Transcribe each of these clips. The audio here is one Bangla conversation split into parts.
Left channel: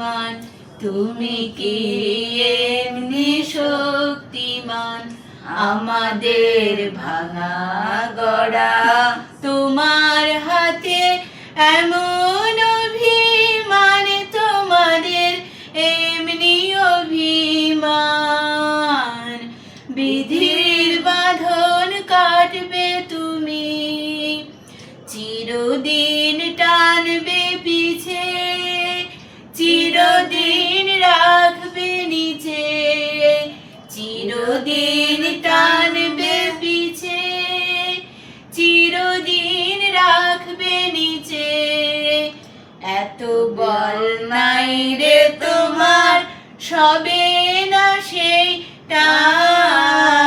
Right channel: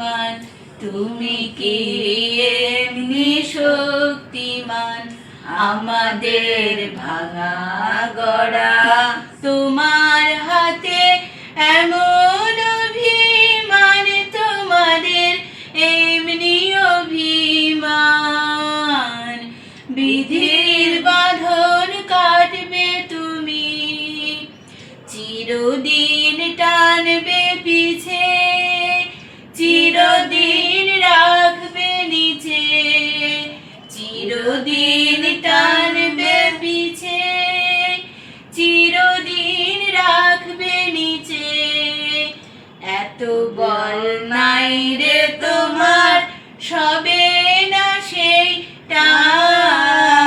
শক্তিমান, তুমি কি এমনি শক্তিমান? আমাদের ভাঙা গড়া তোমার হাতে এমন অভিমান, তোমাদের এমনি অভিমান। বিধির বাঁধন কাটবে তুমি, চিরদিন টানবে পিছে, চিরদিন রাখবে নিচে, চিরদিন টানবে পিছে, চিরদিন রাখবে নিচে। এত বল নাই রে তোমার, সবে না সেই টান।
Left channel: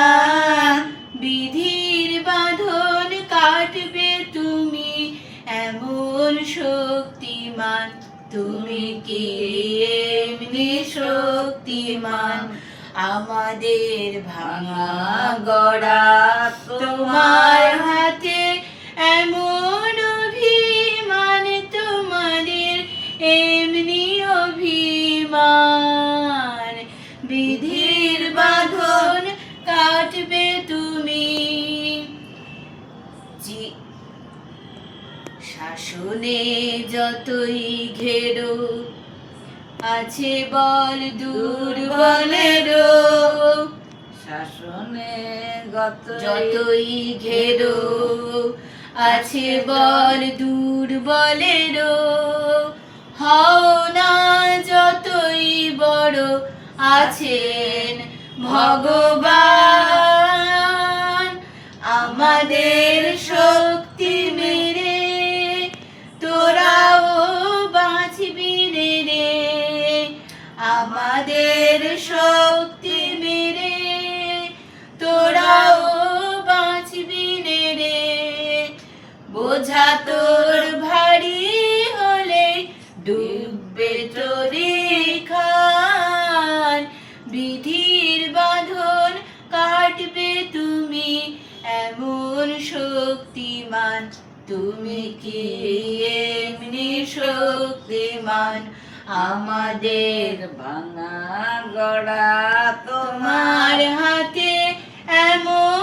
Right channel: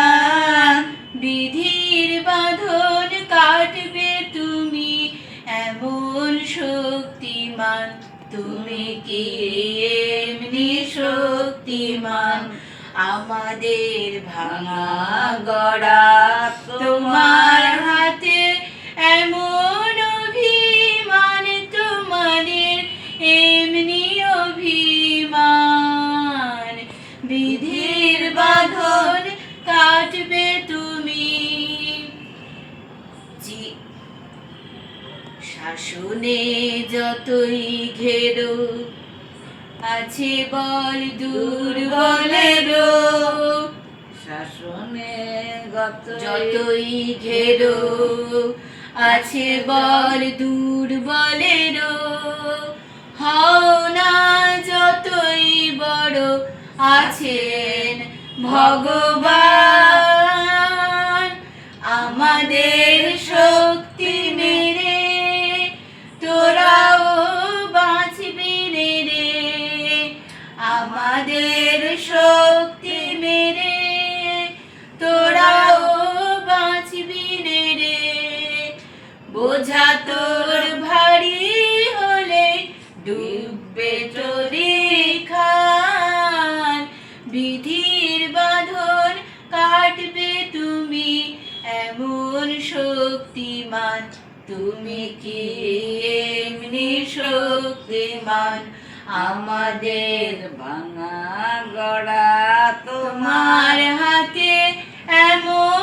বিধির বাঁধন কাটবে তুমি এমন শক্তিমান, তুমি কি এমনি শক্তিমান? আমাদের ভাঙা গড়া তোমার হাতে এমন অভিমান, তোমাদের এমনি অভিমান। বিধির বাঁধন কাটবে তুমি, শাসনে যতই ঘেরো আছে বল দুর্বলেরও, শাসনে যতই ঘেরো আছে বল দুর্বলেরও। হও না যতই বড়, আছেন ভগবান। আমাদের শক্তি মেরে তোরাও বাঁচবি রে, আমাদের শক্তি মেরে তোরাও বাঁচবি রে। বোঝা তোর ভারী হলে ডুববে তোরি খান। বিধির বাঁধন কাটবে তুমি এমন শক্তিমান, তুমি কি এমনি শক্তিমান? আমাদের ভাঙা গড়া তোমার হাতে এমন